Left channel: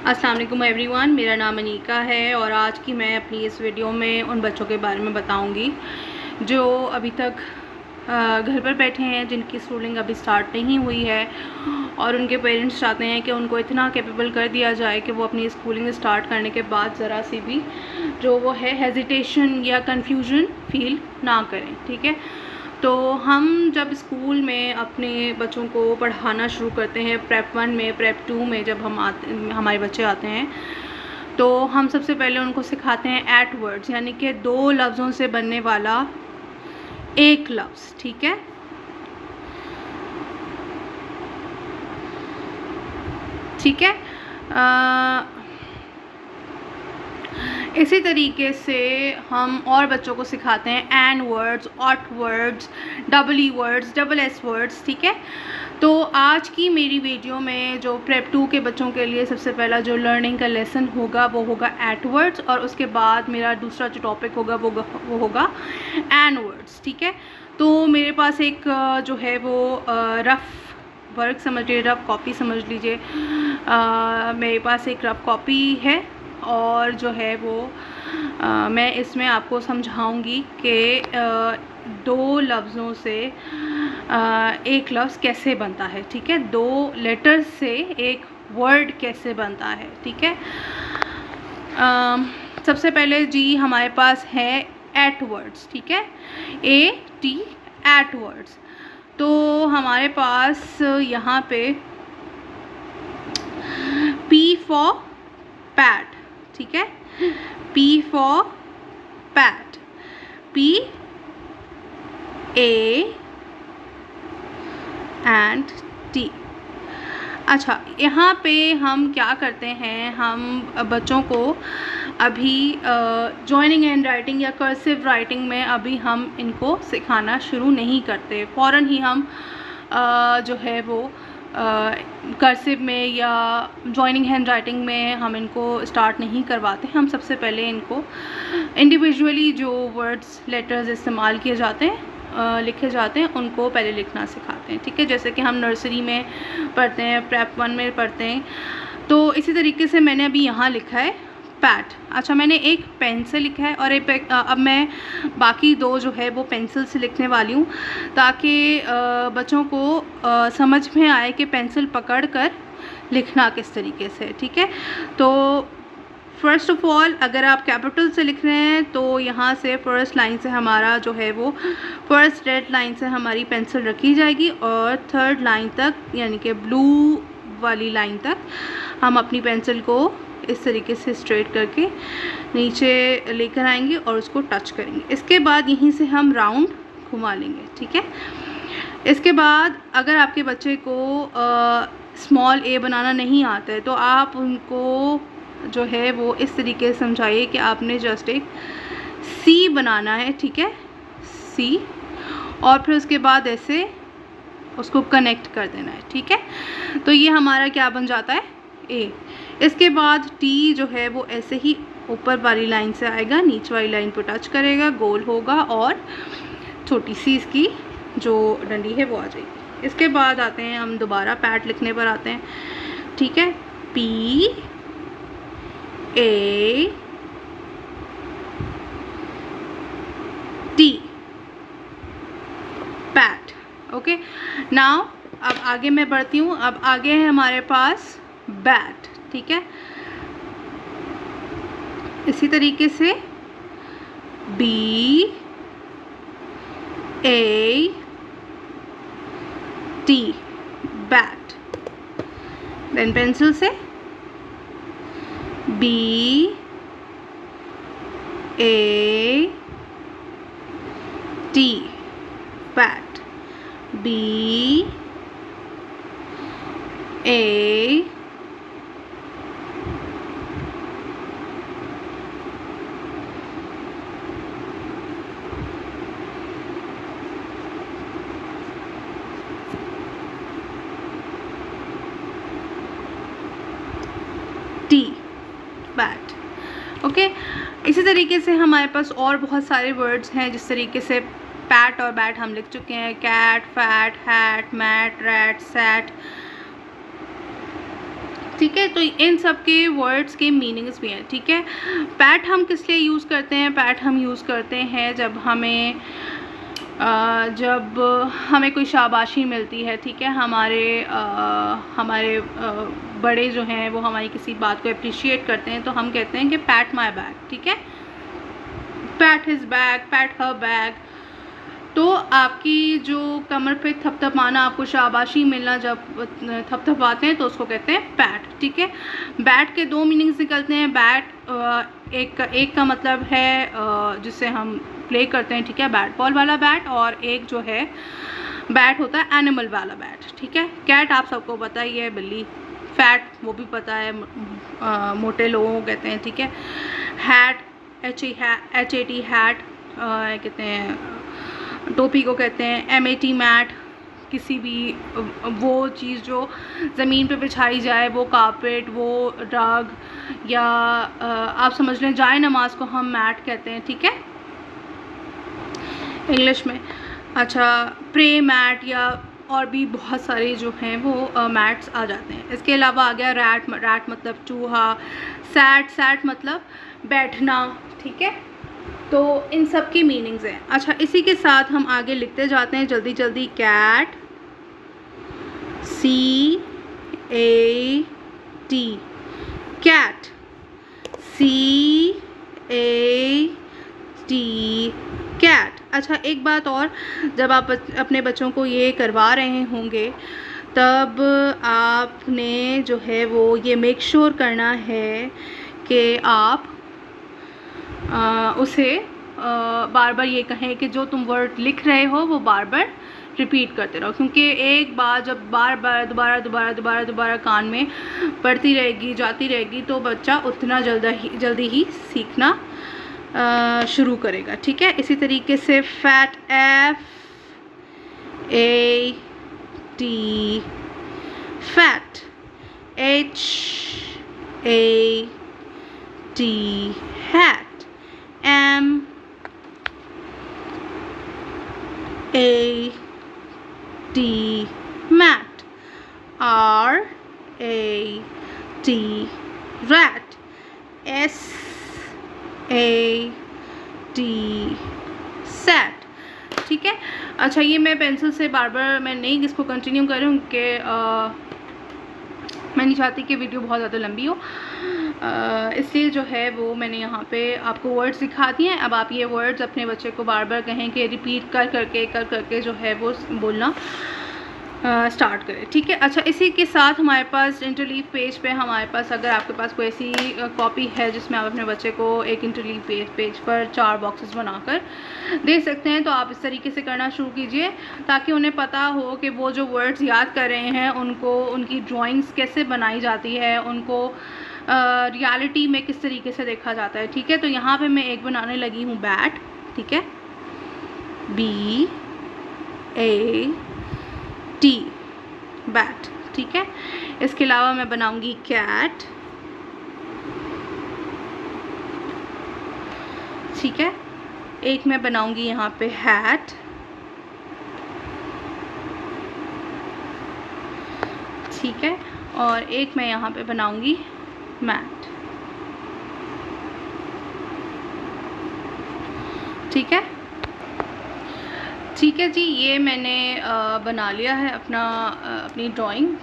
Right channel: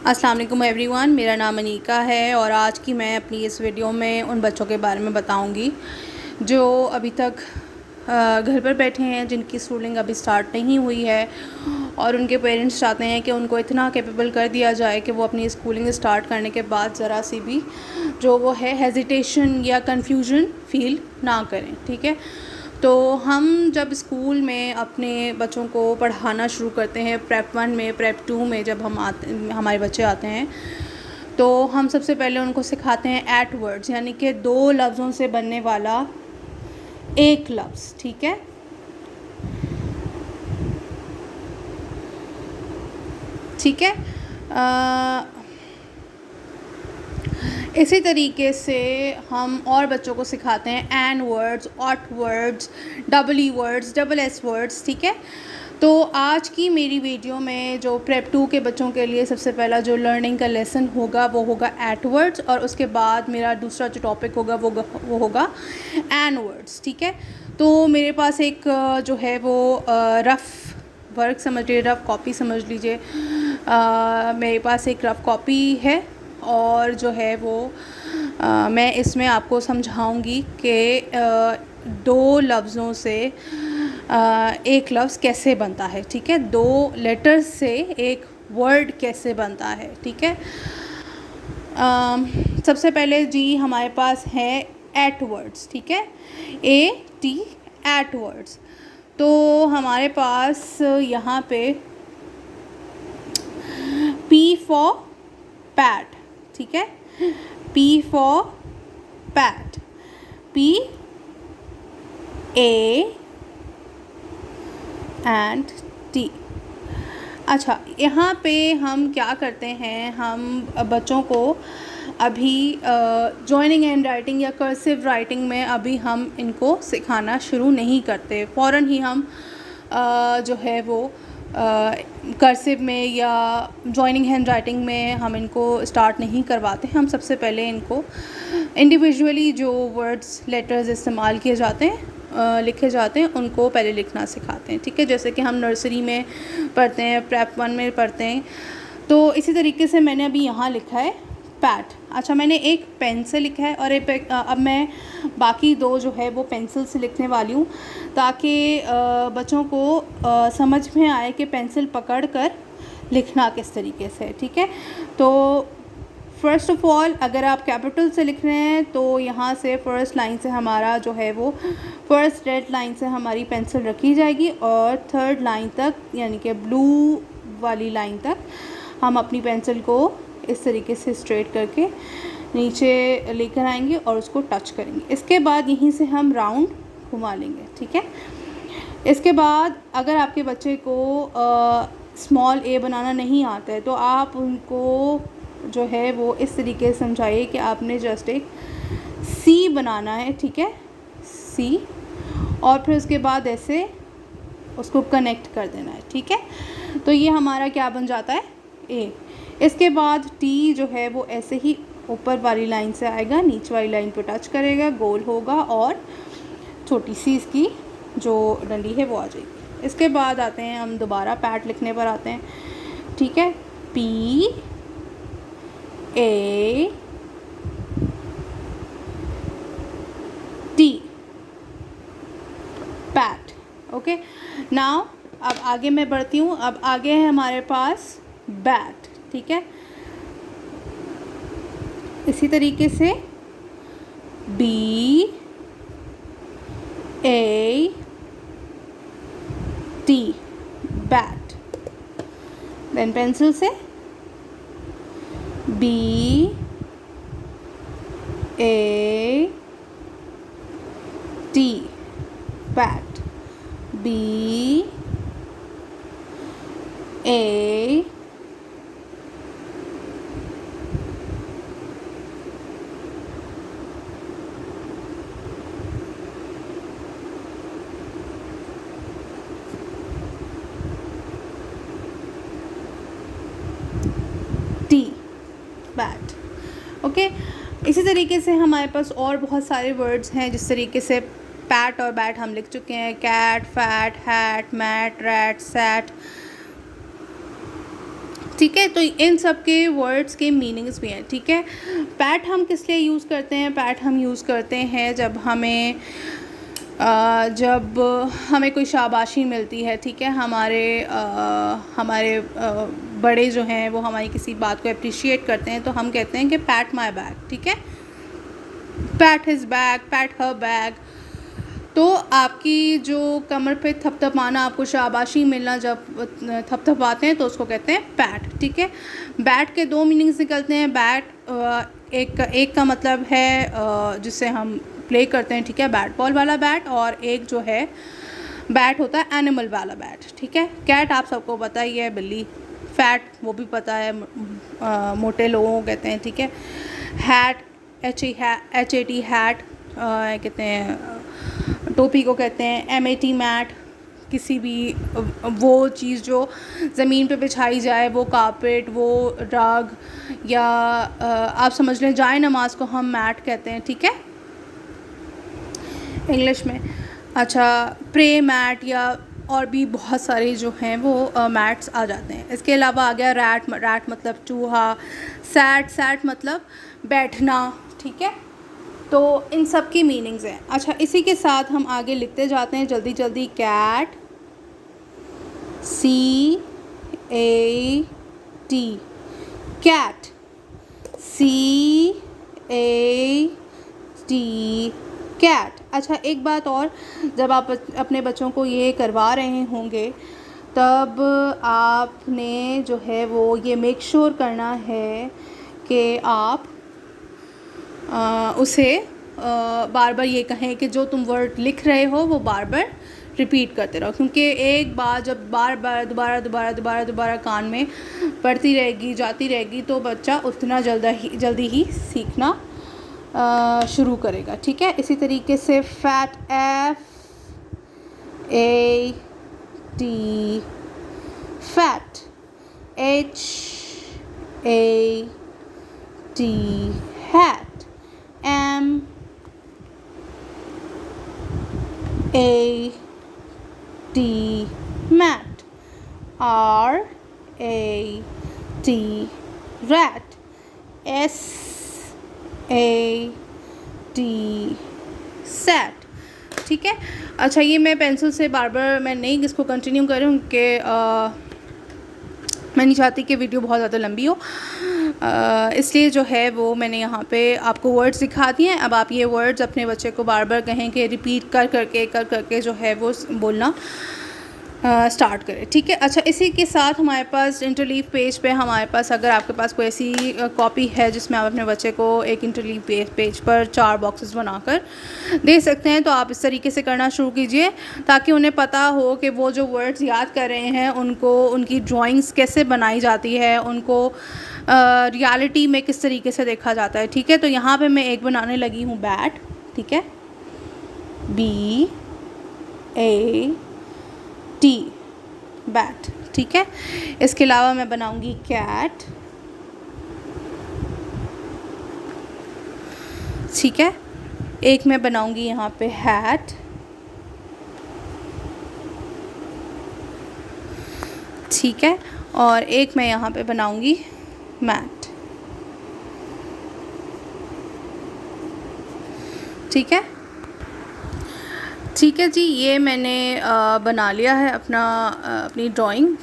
अस्सलाम वालेकुम एवरीवन, मेरा नाम अनीका है और आज की मैं अपनी इस वीडियो में उन बच्चों के बारे में बताऊंगी जो अभी तक घर पर बैठे हैं, जिनकी स्कूलिंग अभी स्टार्ट नहीं हुई है और उनके पेरेंट्स चाहते हैं कि उनको इतना कैपेबल कर दिया जाए कि वो अपनी स्कूलिंग स्टार्ट करने के बाद ज़रा सी भी जो वो है हेजिटेशन या कन्फ्यूजन फ़ील ना करें। ठीक है, तो हम जब स्कूल में अपने बच्चों को पढ़ाना शुरू करते हैं, प्रेप 1 में, प्रेप 2 में जब हमारे बच्चे आते हैं, तो हम सबसे पहले उनको सिखाते हैं एट वर्ड्स, यानी कि 2 लफ्ज़ों से बनने वाला एक लफ्ज़। ठीक है, ठीक है। इसी तरीके से हम और बच्चों को सिखाते हैं an words, ot words, double E words, double S words. ठीक है, तो आज की मेरी वीडियो में जो प्रेप 2 के बच्चों के लिए सबसे पहला जो लर्निंग का लेसन होगा वो होगा एट वर्ड्स, और उसके बाद मेरा दूसरा जो टॉपिक होगा वो होगा एन वर्ड्स। ठीक है, तो मेरे पास एक जो है वो रफ़ वर्क समझ लीजिए, रफ़ कॉपी समझ लीजिए। मेरे पास एक रफ़ कॉपी है और जो है वो मैं इसमें आपको समझाऊंगी कि 2 लफ्ज़ों से एक लफ्ज़ कैसे बनता है। ठीक है, 2 लेटर्स से एक वर्ड कैसे बनता है। ठीक है, सबसे पहले जी हमारे पास है एट वर्ड्स। ठीक है, AT एट वर्ड्स। तो हमारे पास यहाँ पे P फॉर पैट। ठीक है, P for PAT, PA and T। अच्छा, यहाँ पे हम क्या करते हैं, हम बच्चों को अभी जॉइनिंग एंड राइटिंग या कर्सिव राइटिंग में अभी हम इनको सिखाना शुरू नहीं करते। फ़ौरन ही हम जो है वो कर्सिव में या जॉइनिंग हैंड राइटिंग में हम इनको स्टार्ट नहीं करवाते। हम सबसे पहले इनको इंडिविजुअली जो वर्ड्स, लेटर्स इस्तेमाल किए जाते हैं, लिखे जाते हैं, उनको पहले लिखना सिखाते हैं। ठीक है, जैसे कि हम नर्सरी में पढ़ते हैं, प्रेप 1 में पढ़ते हैं, तो इसी तरीके से मैंने अभी यहाँ लिखा है पैट। अच्छा, मैंने एक पेन से लिखा है और अब मैं बाकी 2 जो है वो पेंसिल से लिखने वाली हूँ, ताकि बच्चों को समझ में आए कि पेंसिल पकड़ कर लिखना किस तरीके से। ठीक है, तो फ़र्स्ट ऑफ़ ऑल अगर आप कैपिटल से लिख रहे हैं तो यहाँ से फ़र्स्ट लाइन से हमारा जो है वो फ़र्स्ट रेड लाइन से हमारी पेंसिल रखी जाएगी और थर्ड लाइन तक, यानी कि ब्लू वाली लाइन तक हम अपनी पेंसिल को इस तरीके से स्ट्रेट करके नीचे लेकर आएंगे और उसको टच करेंगे। इसके बाद यहीं से हम राउंड घुमा लेंगे। ठीक है, इसके बाद अगर आपके बच्चे को स्मॉल a बनाना नहीं आता है तो आप उनको जो है वो इस तरीके से समझाइए कि आपने जस्ट एक C बनाना है। ठीक है, C, और फिर उसके बाद ऐसे उसको कनेक्ट कर देना है। ठीक है, तो ये हमारा क्या बन जाता है, A। इसके बाद T जो है वो ऐसे ही ऊपर वाली लाइन से आएगा, नीचे वाली लाइन पर टच करेगा, गोल होगा और छोटी सी इसकी जो डंडी है वो आ जाएगी। इसके बाद आते हैं हम दोबारा पैट लिखने पर आते हैं। ठीक है, PAT, पैट। ओके, नाउ अब आगे मैं बढ़ती हूँ। अब आगे है हमारे पास बैट। ठीक है, इसी तरीके से BAT, बैट। देन पेंसिल से BAT, bat, BAT, bat. Okay, इसी तरीके से हमारे पास और बहुत सारे वर्ड्स हैं जिस तरीके से पैट और बैट हम लिख चुके हैं। Cat, fat, hat, mat, rat, sat, ठीक है। तो इन सब के वर्ड्स के मीनिंग्स भी हैं, ठीक है। पैट हम किस लिए यूज़ करते हैं? पैट हम यूज़ करते हैं जब हमें कोई शाबाशी मिलती है, ठीक है। हमारे बड़े जो हैं वो हमारी किसी बात को अप्रिशिएट करते हैं, तो हम कहते हैं कि पैट माई बैक, ठीक है। PAT his back, PAT her back. तो आपकी जो कमर पे थपथपाना, आपको शाबाशी मिलना, जब थपथपाते हैं तो उसको कहते हैं पैट, ठीक है। बैट के दो मीनिंग्स निकलते हैं। बैट एक का मतलब है जिससे हम प्ले करते हैं, ठीक है, बैट बॉल वाला बैट, और एक जो है बैट होता है एनिमल वाला बैट, ठीक है। कैट आप सबको पता ही है, बिल्ली। फैट वो भी पता है, मोटे लोगों को कहते हैं, ठीक है। हैट HAT हैट कहते हैं, टोपी को कहते हैं। MAT मैट, किसी भी वो चीज़ जो ज़मीन पे बिछाई जाए, वो कारपेट, वो रग, या आप समझ लें जाए नमाज को हम मैट कहते हैं, ठीक है, इंग्लिश में। अच्छा, प्रे मैट, या और भी बहुत सारे जो हैं वो मैट्स आ जाते हैं। इसके अलावा आ गया रैट मतलब चूहा। सैट मतलब बैठना, ठीक है। तो इन सब की मीनिंग्स हैं। अच्छा, इसी के साथ हम आगे लिखते जाते हैं जल्दी जल्दी। Cat, CAT, cat, CAT, cat. अच्छा, एक बात और, जब आप अपने बच्चों को ये करवा रहे होंगे, तब आपने जो है वो ये मेक श्योर करना है कि आप उसे बार बार ये कहें कि जो तुम वर्ड लिख रहे हो वो बार बार रिपीट करते रहो, क्योंकि एक बार जब बार बार दोबारा कान में पढ़ती रहेगी, जाती रहेगी, तो बच्चा उतना जल्दी ही सीखना शुरू करेगा, ठीक है। इसी तरीके से fat, FAT, fat, HAT, hat, MAT, mat, RAT, rat, SAT, sat, ठीक है। अच्छा, ये मैं पेंसिल से बार बार मैं नहीं इसको कंटिन्यू कर रही हूँ कि मैं नहीं चाहती कि वीडियो बहुत ज़्यादा लंबी हो, इसलिए जो है वो मैंने यहाँ पे आपको वर्ड्स दिखा दिए हैं। अब आप ये वर्ड्स अपने बच्चे को बार बार कहें कि रिपीट कर करके जो है वो बोलना स्टार्ट करें, ठीक है। अच्छा, इसी के साथ हमारे पास इंटरलीव पेज पे हमारे पास, अगर आपके पास कोई ऐसी कॉपी है जिसमें आप अपने बच्चे को एक इंटरलीव पेज पर 4 बॉक्सेस बनाकर दे सकते हैं, तो आप इस तरीके से करना शुरू कीजिए, ताकि उन्हें पता हो कि वो जो वर्ड्स याद कर रहे हैं उनको उनकी ड्राइंग्स कैसे बनाई जाती है, उनको रियलिटी में किस तरीके से देखा जाता है, ठीक है। तो यहाँ पे मैं एक बनाने लगी हूँ बैट, ठीक है, BAT, बैट, ठीक है। इसके अलावा मैं बनाऊंगी कैट, ठीक है। एक मैं बनाऊंगी यहाँ पे हैट, ठीक है, और एक मैं यहाँ पे बनाऊंगी मैट, ठीक है। ठीक है जी, ये मैंने बना लिया है अपनी ड्राइंग।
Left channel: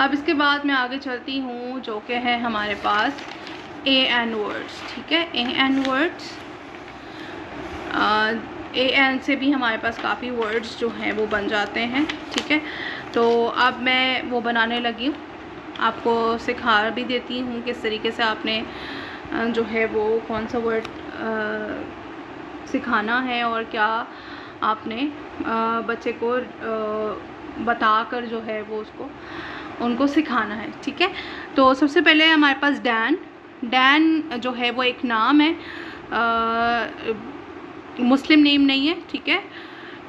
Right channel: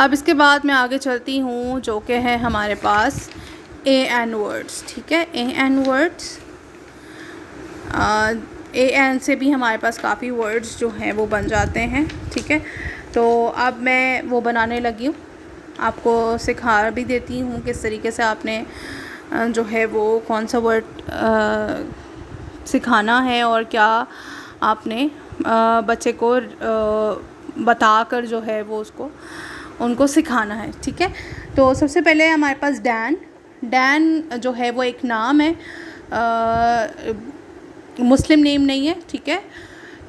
अब इसके बाद मैं आगे चलती हूँ, जो कि है हमारे पास AN वर्ड्स, ठीक है। AN वर्ड्स, AN से भी हमारे पास काफ़ी वर्ड्स जो हैं वो बन जाते हैं, ठीक है। तो अब मैं वो बनाने लगी हूँ, आपको सिखा भी देती हूँ किस तरीके से आपने जो है वो कौन सा वर्ड सिखाना है और क्या आपने बच्चे को बताकर जो है वो उनको सिखाना है, ठीक है। तो सबसे पहले हमारे पास डैन जो है वो एक नाम है, मुस्लिम नेम नहीं है, ठीक है।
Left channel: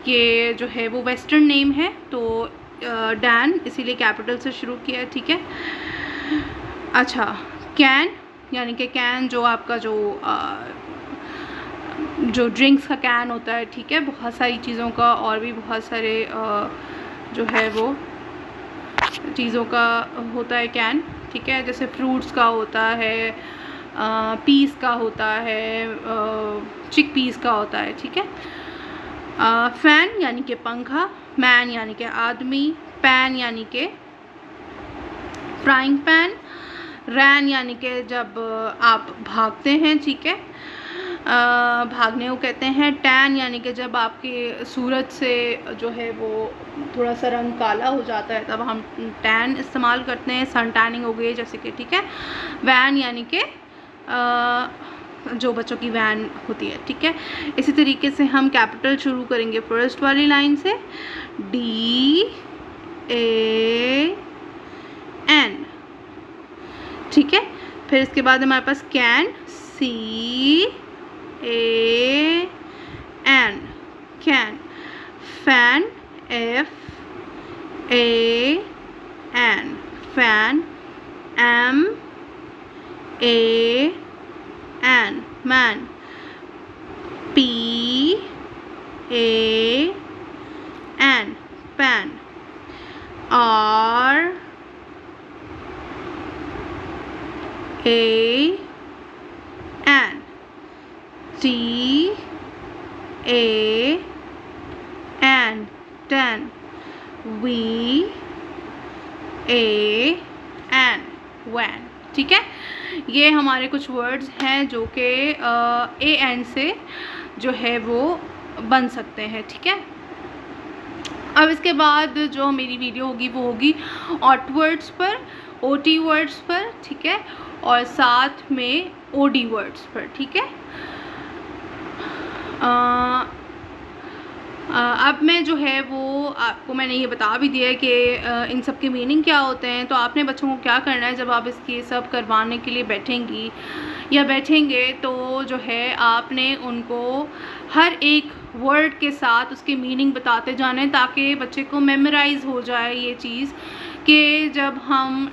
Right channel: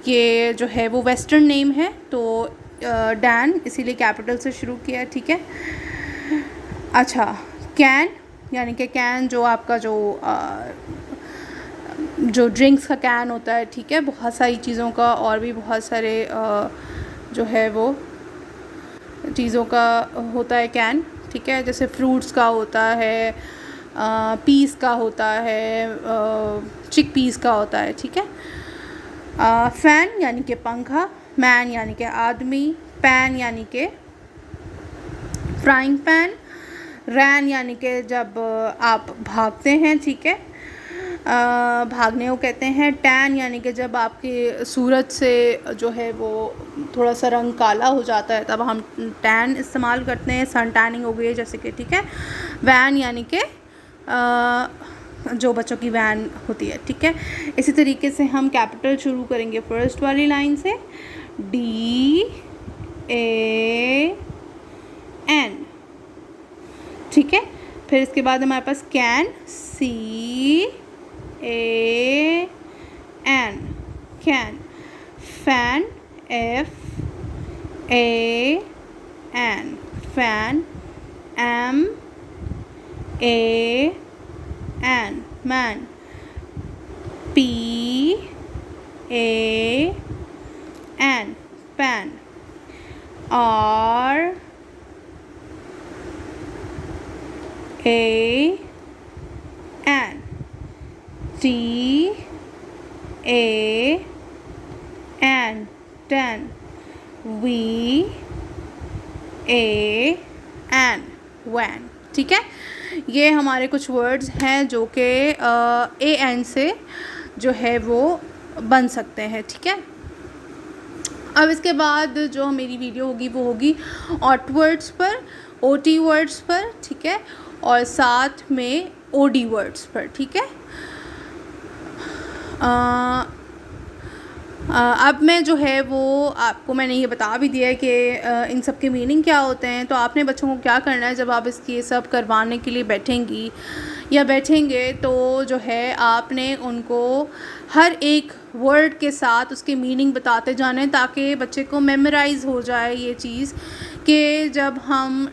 ये जो है वो वेस्टर्न नेम है, तो डैन इसीलिए कैपिटल से शुरू किया है, ठीक है। अच्छा, कैन, यानी कि कैन जो आपका जो ड्रिंक्स का कैन होता है, ठीक है, बहुत सारी चीज़ों का, और भी बहुत सारे जो है वो चीज़ों का होता है कैन, ठीक है, जैसे फ्रूट्स का होता है, पीस का होता है, चिक पीस का होता है, ठीक है। फ़ैन यानी कि पंखा, मैन यानी कि आदमी, पैन यानी कि फ्राइंग पैन, रैन यानी कि जब आप भागते हैं, ठीक है, भागने को कहते हैं। टैन यानी कि जब आपके सूरज से जो है वो थोड़ा सा रंग काला हो जाता है तब हम टैन इस्तेमाल करते हैं, सन टैनिंग हो गई जैसे कि, ठीक है। वैन यानी कि जो बच्चों की वैन होती है, ठीक है। इसी तरीके से हम कैपिटल शुरू करेंगे फर्स्ट वाली लाइन से, DAN, ठीक है। फिर इसके बाद हमारे पास can, CAN, can. Fan, FAN, fan. MAN, man. PAN, pan. RAN, TAN, tan। VAN, van, ठीक है। ये हमारे कुछ वर्ड्स हैं जो कि AN से जो है वो बन सकते हैं, ठीक है। अब इसके बाद जो मेरी वीडियो होगी वो होगी ऑट वर्ड्स पर, OT वर्ड्स पर, ठीक है, और साथ में OD वर्ड्स पर, ठीक है। अब मैं जो है वो आपको मैंने ये बता भी दिया है कि इन सब के मीनिंग क्या होते हैं। तो आपने बच्चों को क्या करना है, जब आप इसकी सब करवाने के लिए बैठेंगी या बैठेंगे तो जो है आपने उनको हर एक वर्ड के साथ उसके मीनिंग बताते जाने, ताकि बच्चे को मेमोराइज़ हो जाए ये चीज़ कि जब हम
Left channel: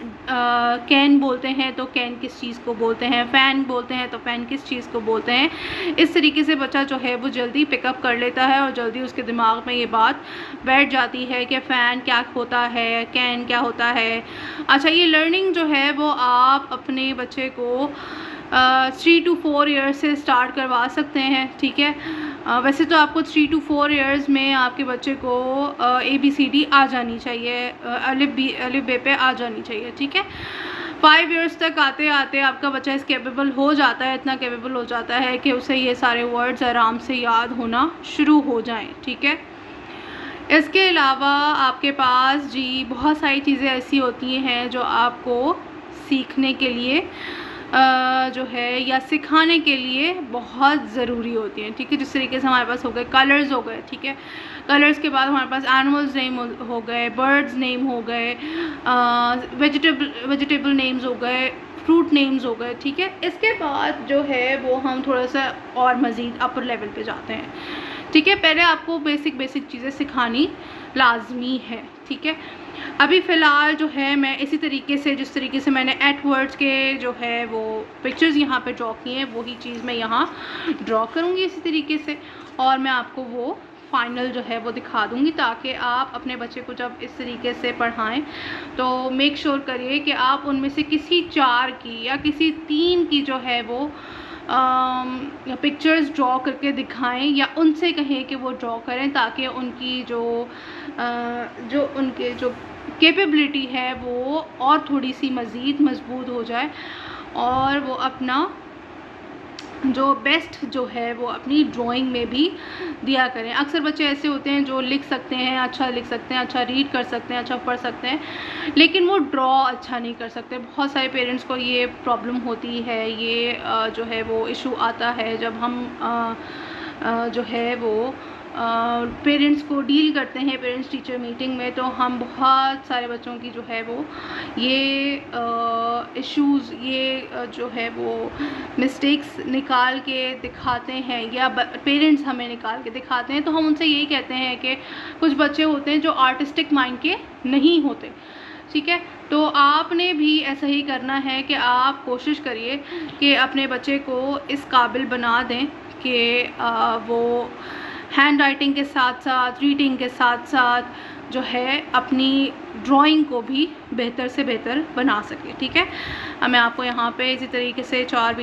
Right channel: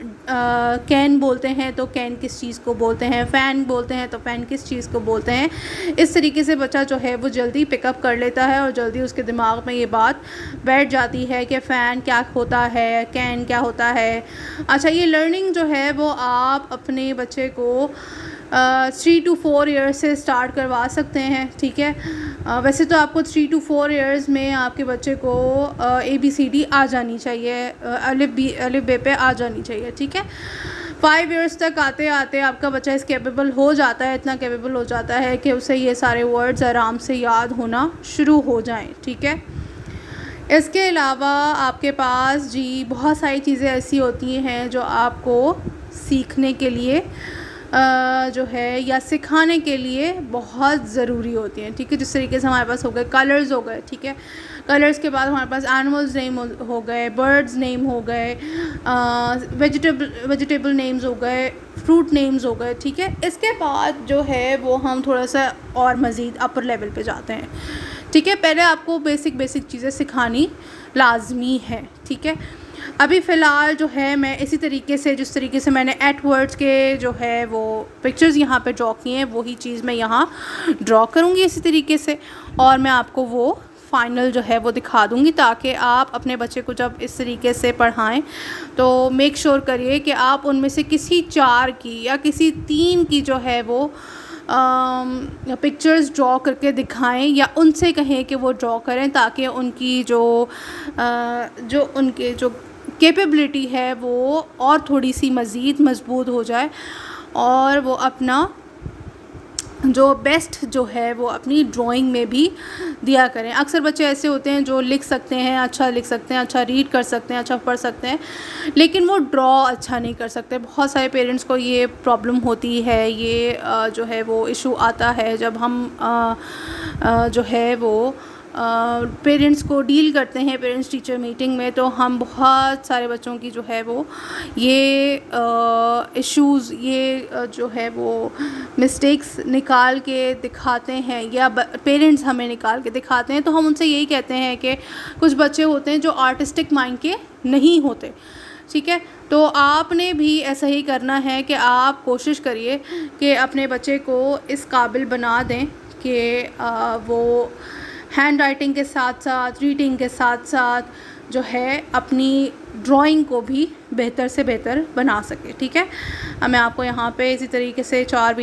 कैन बोलते हैं तो कैन किस चीज़ को बोलते हैं, फ़ैन बोलते हैं तो फ़ैन किस चीज़ को बोलते हैं। इस तरीके से बच्चा जो है वो जल्दी पिकअप कर लेता है और जल्दी उसके दिमाग में ये बात बैठ जाती है कि फ़ैन क्या होता है, कैन क्या होता है। अच्छा, ये लर्निंग जो है वो आप अपने बच्चे को 3 to 4 ईयर्स से स्टार्ट करवा सकते हैं, ठीक है। वैसे तो आपको 3 to 4 ईयर्स में आपके बच्चे को ABCD आ जानी चाहिए, अलिफ बे पे आ जानी चाहिए, ठीक है। 5 ईयर्स तक आते आते आपका बच्चा इस कैपेबल हो जाता है, इतना कैपेबल हो जाता है कि उसे ये सारे वर्ड्स आराम से याद होना शुरू हो जाएं, ठीक है। इसके अलावा आपके पास जी बहुत सारी चीज़ें ऐसी होती हैं जो आपको सीखने के लिए जो है या सिखाने के लिए बहुत ज़रूरी होती हैं, ठीक है। जिस तरीके से हमारे पास हो गए कलर्स हो गए, ठीक है। कलर्स के बाद हमारे पास एनिमल्स नेम हो गए, बर्ड्स नेम हो गए, वेजिटेबल नेम्स हो गए, फ्रूट नेम्स हो गए, ठीक है। इसके बाद जो है वो हम थोड़ा सा और मज़ीद अपर लेवल पे जाते हैं, ठीक है। पहले आपको बेसिक चीज़ें सिखानी लाजमी है, ठीक है। अभी फ़िलहाल जो है मैं इसी तरीके से जिस तरीके से मैंने एट वर्ड्स के जो है वो पिक्चर्स यहाँ पे ड्रॉ किए हैं वही चीज़ मैं यहाँ ड्रॉ करूँगी इसी तरीके से, और मैं आपको वो फाइनल जो है वो दिखा दूँगी, ताकि आप अपने बच्चे को जब इस तरीके से पढ़ाएं तो मेक श्योर करिए कि आप उनमें से किसी 4 की या किसी 3 की जो है वो पिक्चर्स ड्रॉ करके दिखाएं, या उनसे कहें कि वो ड्रॉ करें, ताकि उनकी जो उनके जो कैपेबिलिटी है वो और थोड़ी सी मज़ीद मज़बूत हो जाए और वो अपना जो बेस्ट जो है वो अपनी ड्राइंग में भी दिया करें। अक्सर बच्चे ऐसे होते हैं जो लिख सकते हैं, अच्छा लिख सकते हैं, अच्छा रीड कर सकते हैं, अच्छा पढ़ सकते हैं, लेकिन वो ड्रॉ अच्छा नहीं कर सकते। बहुत सारे पेरेंट्स को ये प्रॉब्लम होती है, ये जो है वो इशू आता है जब हम जो है वो पेरेंट्स को डील करते हैं पेरेंट्स टीचर मीटिंग में, तो हम बहुत सारे बच्चों की जो है वो ये इश्यूज़ ये जो है वो मिस्टेक्स निकाल के दिखाते हैं, या पेरेंट्स हमें निकाल के दिखाते हैं। तो हम उनसे यही कहते हैं कि कुछ बच्चे होते हैं जो आर्टिस्टिक माइंड के नहीं होते, ठीक है। तो आपने भी ऐसा ही करना है कि आप कोशिश करिए कि अपने बच्चे को इस काबिल बना दें कि वो हैंड राइटिंग के साथ साथ, रीडिंग के साथ साथ जो है अपनी ड्राइंग को भी बेहतर से बेहतर बना सके। ठीक है, अब मैं आपको यहाँ पे इसी तरीके से 4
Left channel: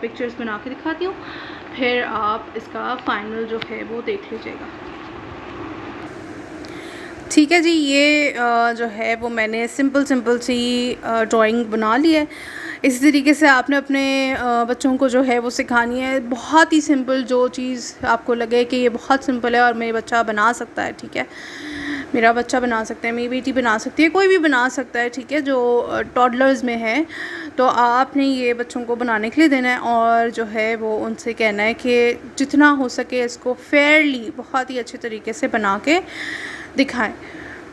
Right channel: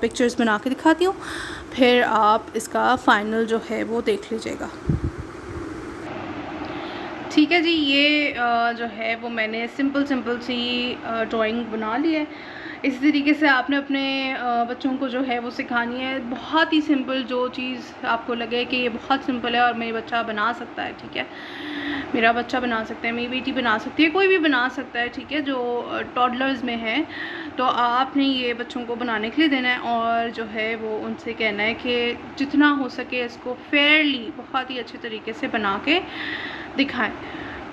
पिक्चर्स बना के दिखाती हूँ, फिर आप इसका फाइनल जो है वो देख लीजिएगा। ठीक है जी, ये जो है वो मैंने सिंपल सी ड्राइंग बना ली है। इसी तरीके से आपने अपने बच्चों को जो है वो सिखानी है। बहुत ही सिंपल, जो चीज़ आपको लगे कि ये बहुत सिंपल है और मेरा बच्चा बना सकता है, ठीक है, मेरा बच्चा बना सकता है, मेरी बेटी बना सकती है, कोई भी बना सकता है, ठीक है, जो टॉडलर्स में है, तो आपने ये बच्चों को बनाने के लिए देना है और जो है वो उनसे कहना है कि जितना हो सके इसको फेयरली, बहुत ही अच्छे तरीके से बना के दिखाएं।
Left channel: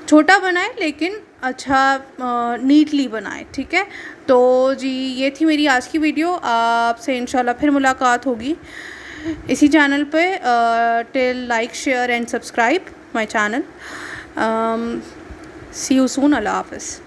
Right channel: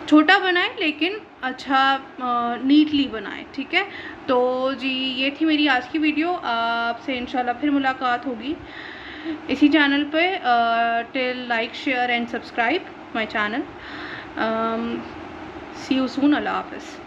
छोटा बनाएं लेकिन अच्छा नीटली बनाएं। ठीक है, तो जी ये थी मेरी आज की वीडियो। आपसे इंशाल्लाह फिर मुलाकात होगी इसी चैनल पे। Till like, share and subscribe my channel. See you soon. अल्लाह हाफ़िज़।